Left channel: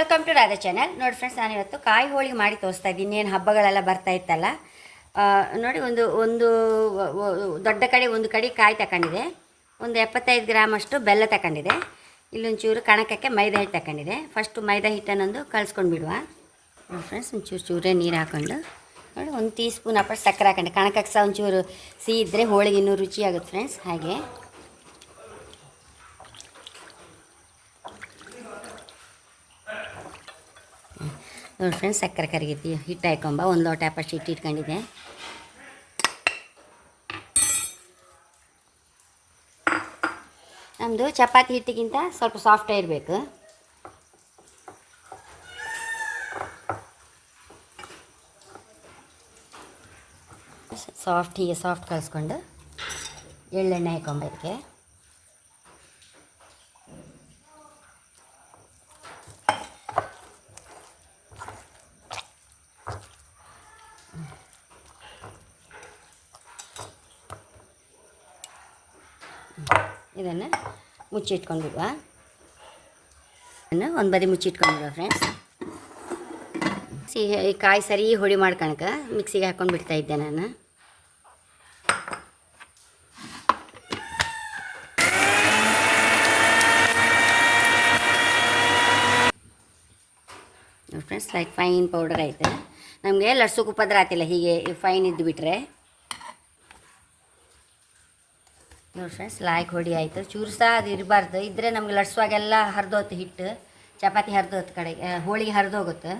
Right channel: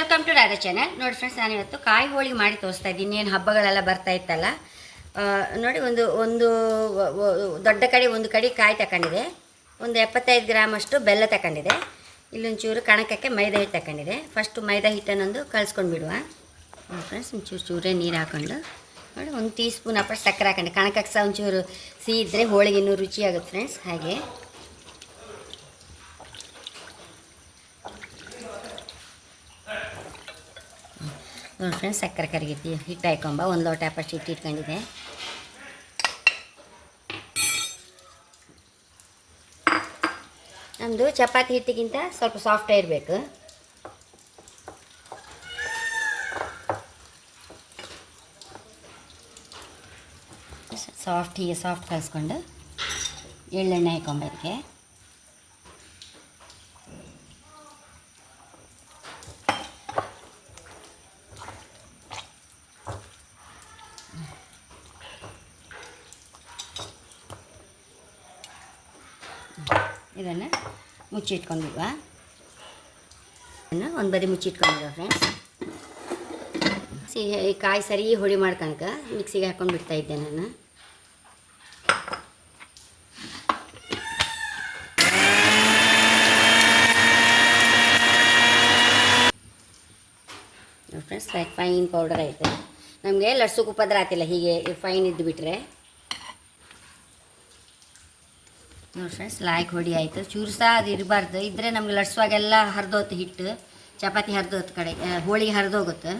Welcome to Radha channel ನೋಡಿ friends ನಾನು ಇವತ್ತು ಕಾಯಿ ಹೋಳಿಗೆ ಮಾಡಿ ತೋರಿಸ್ತಾ ಇದ್ದೀನಿ. ಏನು ಹಬ್ಬಗಳೆಲ್ಲ ಬರ್ತಾ ಇತ್ತಲ್ಲ? ನೋಡಿ ಒಂದು ಒಂದು ದೊಡ್ಡ ಕಡೆ, ಒಂದು ಕಡೆ ಕಾಯಿ ತಗೊಂಡಿದೆ. ಒಂದು ಎಪ್ಪತ್ತೈದು ಗ್ರಾಮ್ ಅಷ್ಟು ಬೆಲ್ಲ ತಗೊಂಡಿದೆ. ಇಲ್ಲೊಂಚೂರು ಕಣಕಕ್ಕೆ ಮೈದಾ ಹಿಟ್ಟು ತಗೊಂಡಿದೆ. ಫಸ್ಟು ಮೈದಾ ಹಿಟ್ಟನ್ನೊಂದು ಕಳ್ಸ್ಕೊಂಡು ಬಿಡುವ. ನೋಡಿ ಫ್ರೆಂಡ್ಸ್ ಒಂಚೂರು ಚೂರೇ ನೀರು ಹಾಕ್ಕೊಂಡು ನೋಡಿ, ಒಂದು ಟೀ ಸ್ಪೂನ್ ಅಪ್ಪ ಸಕ್ಕರೆ ಹಾಕೊಂಡು. ಕಣಕಕ್ಕೆ ಸಹ ಒಂಚೂರು ಸಿಹಿ ಇದ್ದರೆ ಹೋಳಿಗೆ ಇನ್ನೂ ರುಚಿಯಾಗುತ್ತೆ ಫ್ರೆಂಡ್ಸ್ ಹಾಗೆ. ನೋಡಿ ಫ್ರೆಂಡ್ಸ್ ಸಕ್ಕರೆ ಕರಗಿತಿ. ಹಿಟ್ಟು ಹಾಕೊಂಬ, ಒಂದು ಲೋಟ ಅಪ್ಪಷ್ಟು ಹಿಟ್ಟು ಇಟ್ಕೊಂಡಿದ್ದೆ. ನಮ್ಮದು ಚಪಾತಿ ಹಿಟ್ಟಿಗಿಂತ ಸ್ವಲ್ಪ ಸಾಫ್ಟ್ ಇರಬೇಕು. ಸಾಫ್ಟ್ ಹೀಗೆ ಸಾಫ್ಟ್ ಕಲಿಸ್ಕೊಂಡು ಎಳ್ಳೆಣ್ಣೆ ಹಾಕೊಂಬ ಇದನ್ನು ಮುಚ್ಚಿಟ್ಕೊಂಡಿಡುವ ಇದನ್ನು ಒಂದು ಬದಿ ಮುಚ್ಚಿಟ್ಕೊಂಡಿಲ್ವ ಫ್ರೆಂಡ್ಸ್ ಸಿಹಿ ಕಾಯಿ ಸರಿ ಹುಳಿ ಮಾಡ್ಕೊಳಕ ಮಿಕ್ಸಿಗೆ ಹಾಕ್ಕೊಂಡು ಬಿಡ್ತಾ ಇದ್ದೆ ನಾನು. ಫ್ರೆಂಡ್ಸ್ ಲೈಕ್ ಫೈನ್ ಪೌಡರ್ ಐತೆ. ನಮಗೆ ಲಡ್ಸು ಪದ್ರ ಆತಿಲ್ಲ, ಹೀಗೆ ಫೈನ್ ಇದ್ದು ಬಿಟ್ರೆ ನೋಡಿ ಫ್ರೆಂಡ್ಸ್ ಲಾಯ್ಕ್ ಹೊಡಿ ಆಯಿತು. ಚೂರು ಸಹ ಅದು ಇರಬಾರ್ದು ಇದ್ದರೆ ನಮಗೆ ಲಡ್ಸುವಾಗೆಲ್ಲ ಹರಿದೋತು ಹಿಟ್ಟು, ಚಪಾತಿ ಹರಿದೋತು ಕಡೆ ಹೋಳಿಗೆ ಹರಿದೋಗುತ್ತೆ.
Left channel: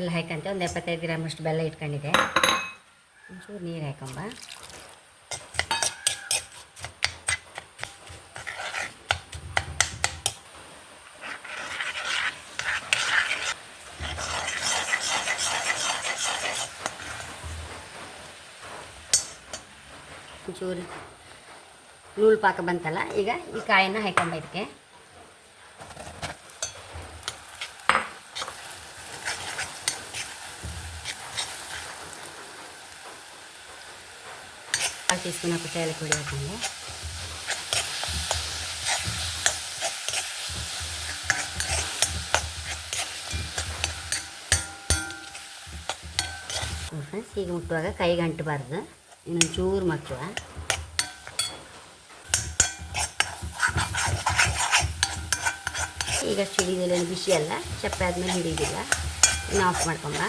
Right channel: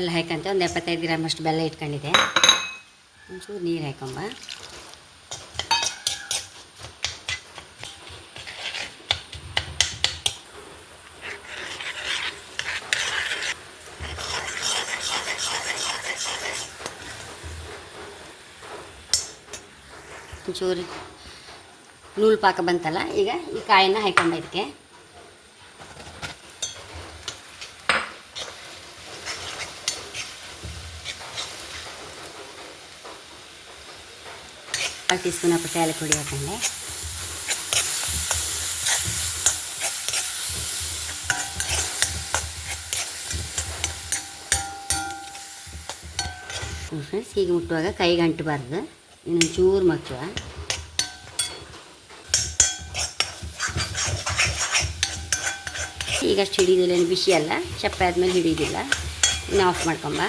ಎಲ್ಲ ಹಾಕಂತೆ, ಒಂದು ಎಪ್ಪತ್ತೈದು ಗ್ರಾಮ್ ಅಷ್ಟು ಬೆಲ್ಲ ಇಟ್ಕೊಂಡಿದೆ ಒಂಚೂರು ನೀರು ಹಾಕೊಂಬ. ಒಂಚೂರು ನೂಲು ಪಾಕ ಬಂತಲ್ಲ, ಈಗ ಈ ಕಾಯಿನ ಹಾಕೊಂಬ ಇದಕ್ಕೆ ಕಾಲು ಟೀ ಸ್ಪೂನ್ ಹಾಕ್ಬಿಟ್ಟು ಏಲಕ್ಕಿ ಪುಡಿ ಹಾಕೊಂಡೆ. ಫ್ರೆಂಡ್ಸ್, ಹೀಗೆ ಮುಟ್ಟುವಾಗ ಕೈಗೆ ಅಂಟಬಾರ್ದು. ಇನ್ನೊಂದು ಚೂರು ಮಚ್ಚುವ ಈಗ ಅಷ್ಟು ಹಿಡಿದಿಲ್ಲ ಏನು ಬಿಸಿ ಅಲ್ಲ ಚಪ್ಪೆ ಆದಮೇಲೆ ಹಿಡಿದಿಲ್ಲ ಇನ್ನು ಆಫ್ ಮಾಡ್ಕೊಂಬ.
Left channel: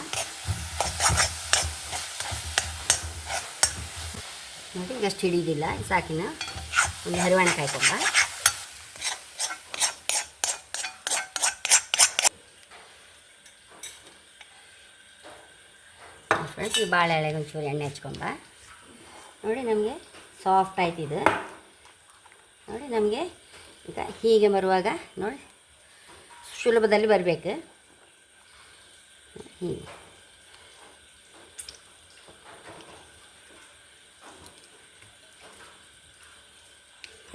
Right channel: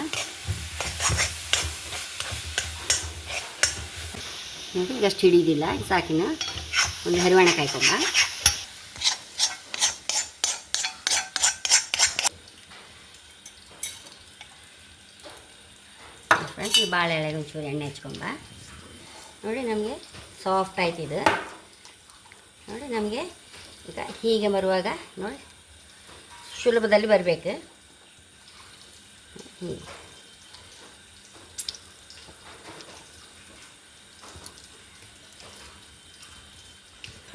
ನೋಡಿ ಈಗ ಅಷ್ಟು ಹಿಡಿದಿಲ್ಲ ಸಾಕಿನ. ಒಂದು ಹರಿವಾಣ ಕಾಯ್ಕೊಂಬ ಫ್ರೆಂಡ್ಸ್ ಬಾಳೆ ಎಳೆಗೆ ಒಂಚೂರು ಎಣ್ಣೆ ಹಚ್ಕೊಂಬ. ನೋಡಿ ನಮಗೆ ಸಾಫ್ಟ್ ಆಯ್ತು ಇದು ನೋಡಿ ನಮಗೆ ಈಗ ಹೀಗೆ ಬರುವಾಗ ನೋಡಿ ಸುಲಭದಲ್ಲಿ ಬರಬೇಕು. ಹೀಗೆ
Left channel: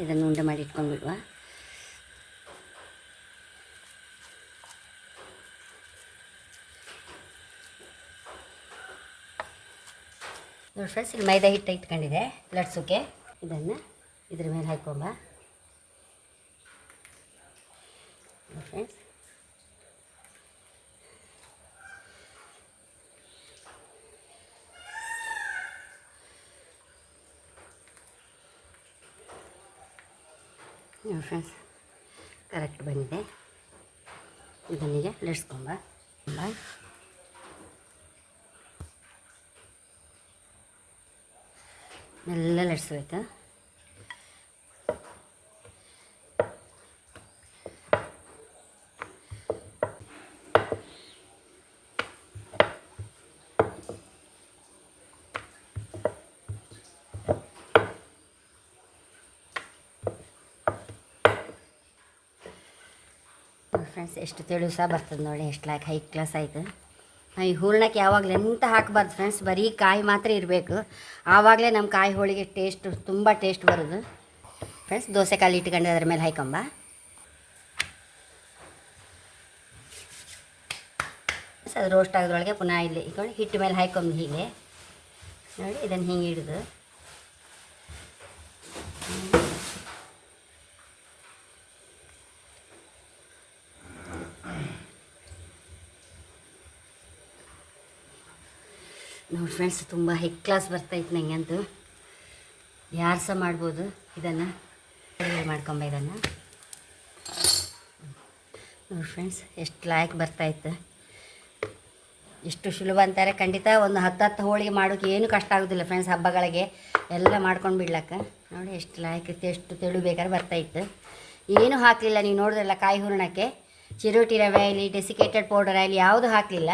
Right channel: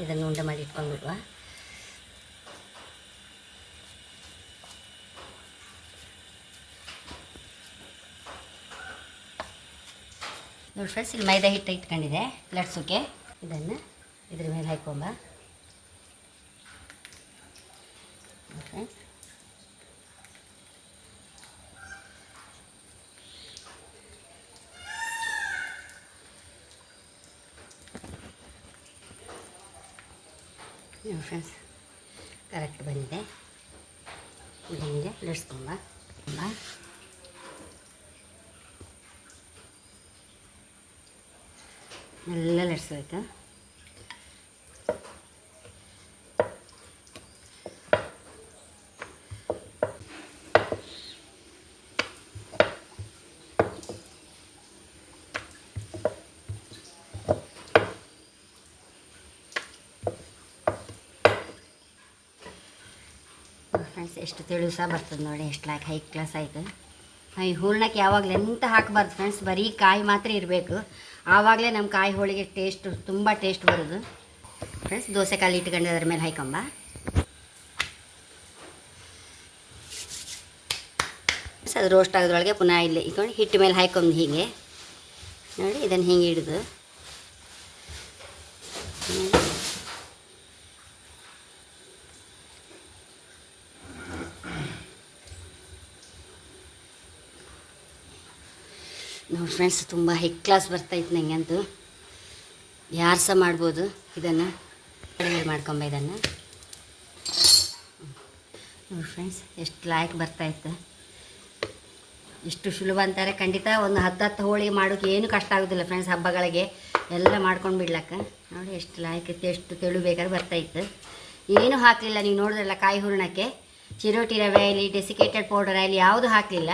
ಇದನ್ನು ಉಂಡೆ ಮಾಡಿ ಇಟ್ಕೊಂಡ್ಬಿಡುವ. ನೋಡಿ ಫ್ರೆಂಡ್ಸ್ ಇಲ್ಲಿ ಮೈದಾ ಹಿಟ್ಟು ಇಟ್ಕೊಂಡಿದೆ ಲಡ್ಸೋಕ್ಕೆ ಇದನ್ನು ಇದ್ರ ಮೇಲೆ ಹಾಕೊಂಬ ಫ್ರೆಂಡ್ಸ್ ನೋಡಿ ಫ್ರೆಂಡ್ಸ್ ಕರೆಕ್ಟ್ ಬಂದಿದೆ. ಇದನ್ನೀಗ ಲಡ್ಸ್ಕೊಂಬ ಎಲ್ಲ ಲಡ್ಸ್ಬೇಕು ಫ್ರೆಂಡ್ಸ್ ಎಷ್ಟು ತೆಳು ಸಹ ಬರ್ತದೆ ನೋಡಿ ಎಷ್ಟು ಲಾಕ್ ಹೈ ಕ್ಲಾಸ್ ಆಯಿತು ಈ ಹೂರ್ಣಕ್ಕೆ ಯಾವಾಗಲೇ ಎಂತ ಹಾಕಬಾರ್ದು ಫ್ರೆಂಡ್ಸ್ ಬರೀ ಕಾಯಿ ಮಾತ್ರ ಇರಬೇಕು. ಆವಾಗಲೇ ನಮ್ಮ ಕಾಯಿ ಹೋಳಿಗೆ ಟೇಸ್ಟ್ ತುಂಬ ಟೇಸ್ಟ್ ಬರೋದು. ಫ್ರೆಂಡ್ಸ್ ದೋಸೆ ಕಾಲು ಇಟ್ಕೊಂಡು ಅದ್ರ ಮೇಲೆ ಹಾಕೊಂಬ ಅದು ರೋಸ್ಟ್ ಆಗೋದ್ರೊಳಗೆ ಪುನಃ ಇಲ್ಲಿ ಇಟ್ಕೊಂಡು ಹಿಟ್ಟು ಮೇಲೆ ಹಾಕೊಂಡು ಹೀಗೆ. ನೋಡಿ, ಇದನ್ನು ಹಿಂಗೆ ಹಿಡಿದು. ನೋಡಿ ಫ್ರೆಂಡ್ಸ್ ತುಂಬ ಹೈ ಕ್ಲಾಸ್ ಬರ್ತೈತೆ ನನಗಂತೂ ಯಾರು ಸಹ ಮಾಡ್ಬೋದು ಇದನ್ನು? ಮಾಡ್ಕೊಂಬ ಇದನ್ನು. ನೋಡಿ ಫ್ರೆಂಡ್ಸ್ ಎಷ್ಟು ಲಾಯಕ್ ಬರ್ತಾಯಿತ್ತು ಎಷ್ಟು ಸುಲಭ ಅಂತಾರೆ. ಖಂಡಿತ ಒಂದು ಹತ್ತು ಹತ್ತು ಹೋಳಿ ಮಾಡೋಕೆ ಏನು ಕಷ್ಟ ಆಗೋದಿಲ್ಲ ಫ್ರೆಂಡ್ಸ್ ಹಬ್ಬಗಳಿಗೆ. ಎಲ್ಲ ಮಾಡ್ಕೊಂಡು ಬಿಡ್ಲಕ್ಕ. ನೋಡಿ ಎಷ್ಟು ಲಾಯಕ್ ಇತ್ತು, ಎಷ್ಟು ತೆಳು ಬೇಕಾದ್ರೆ ಬರ್ತಾಯಿತ್ತು ಏನು ಹಾಕಲಿಲ್ಲ. ನೀವು ನೋಡಿದ್ರಲ್ಲ ಕಾಯಿ ಹೂರಣಕ್ಕೆ. ಚಿರೋಟಿ ರವೆ ಆಗಲಿ ಡೆಸಿಕೇಟೆಡ್ ಪೌಡರ್ ಆಗಲಿ ಯಾವುದು ಹಾಕಲಿಲ್ಲ.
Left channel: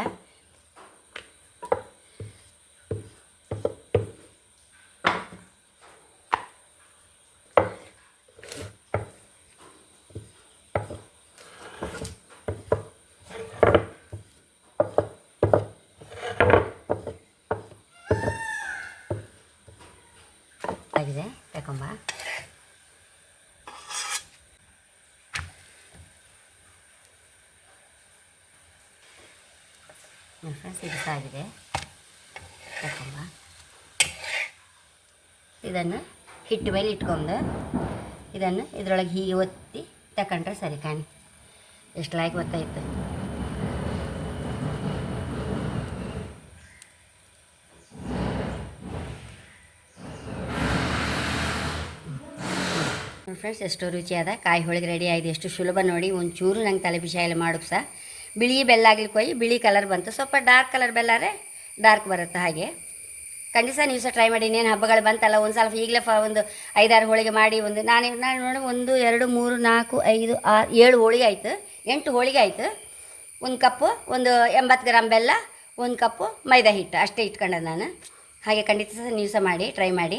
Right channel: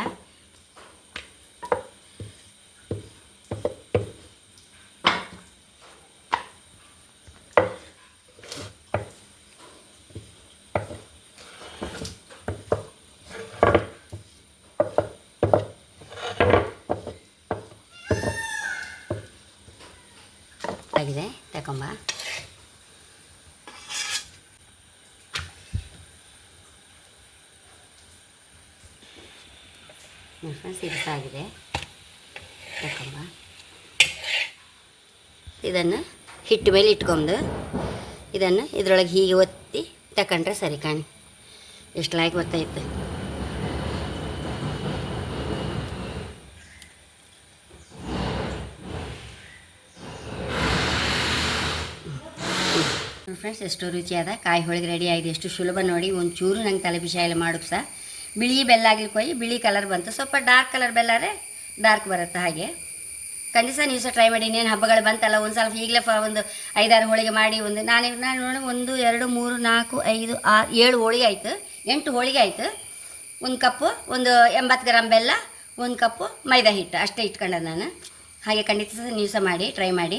ಆಗಿದೆ ತಗೊಂಬ ಫ್ರೆಂಡ್ಸ್ ಆಗಿದೆ ತಗೊಂಬ ಇದನ್ನು ಹಿಟ್ಟು ಮೇಲೆ ಇಟ್ಕೊಂಡು. ಇದನ್ನು ಇದರೊಳಗೆ ಹೀಗೆ ಒತ್ತಿ ತಕೊಂಡ್ರೆ ಸರಿ ಕಾಣಿ. ಎಷ್ಟು ಲಾಯ್ಕ್ ಗೊತ್ತಾಯ್ತು ಫ್ರೆಂಡ್ಸ್ ಎಷ್ಟು ರುಚಿಯಾದ ಕಾಯಿ ಹೋಳಿಗೆ ರೆಡಿ ಆಗಿದೆ. ಎಷ್ಟು ಸುಲಭ ನೋಡಿ, ಒಂಚೂರು ನಂಗೆ ತಲೆ ಎಲ್ಲ ಮಾಡೋಕೆ ಸಹ ಬಿಳಿ ಬೆಲ್ಲ ಆಗಲಿ ಕೊಯ್ಯಿ ಬಿಳಿ ಕಲರ್ ಬಂತು. ಸ್ವಲ್ಪ ಡಾರ್ಕ್ ಕಲರ್ ಬೆಲ್ಲಾರೆ ಡಾರ್ಕ್ ಬರುತ್ತೆ ಹಾಗೆ. ಖಂಡಿತ ನೀವು ಸಹ ಟ್ರೈ ಮಾಡಿ, ಇನ್ನೇನು ಹಬ್ಬಗಳು ಬಂತಲ್ಲ ಒಂದು ಸ್ವಲ್ಪ ಈಗಲೇ ಒಂದು ಐದಾರು ಹೋಳಿಗೆ ಮಾಡಿ, ಒಂದು ನಾನು ನಾನು ನೋಡಿ ಒಂದು, ಎರಡು, ಮೂರು, ನಾಲ್ಕು, ಐದು, ಆರು, ಏಳು ಹೋಳಿಗೆ ಆಯಿತು. ಎಂಟು ಹೋಳಿಗೆ ಆಯಿತು. ಒಂದು ಕಪ್ಪು, ಒಂದು ಎಂಬತ್ತು ಗ್ರಾಮ್ ಬೆಲ್ಲ, ಒಂದು ಕಪ್ಪು ಮೈದಾ ಹಿಟ್ಟು. ಅಷ್ಟೇ ಇಟ್ಕೊಂಡೆ ನಾನು. ಹಾಗೆ ಖಂಡಿತ ಸಹ ನೀವು ಸಹ ಮಾಡಿ ಟ್ರೈ ಮಾಡಿ.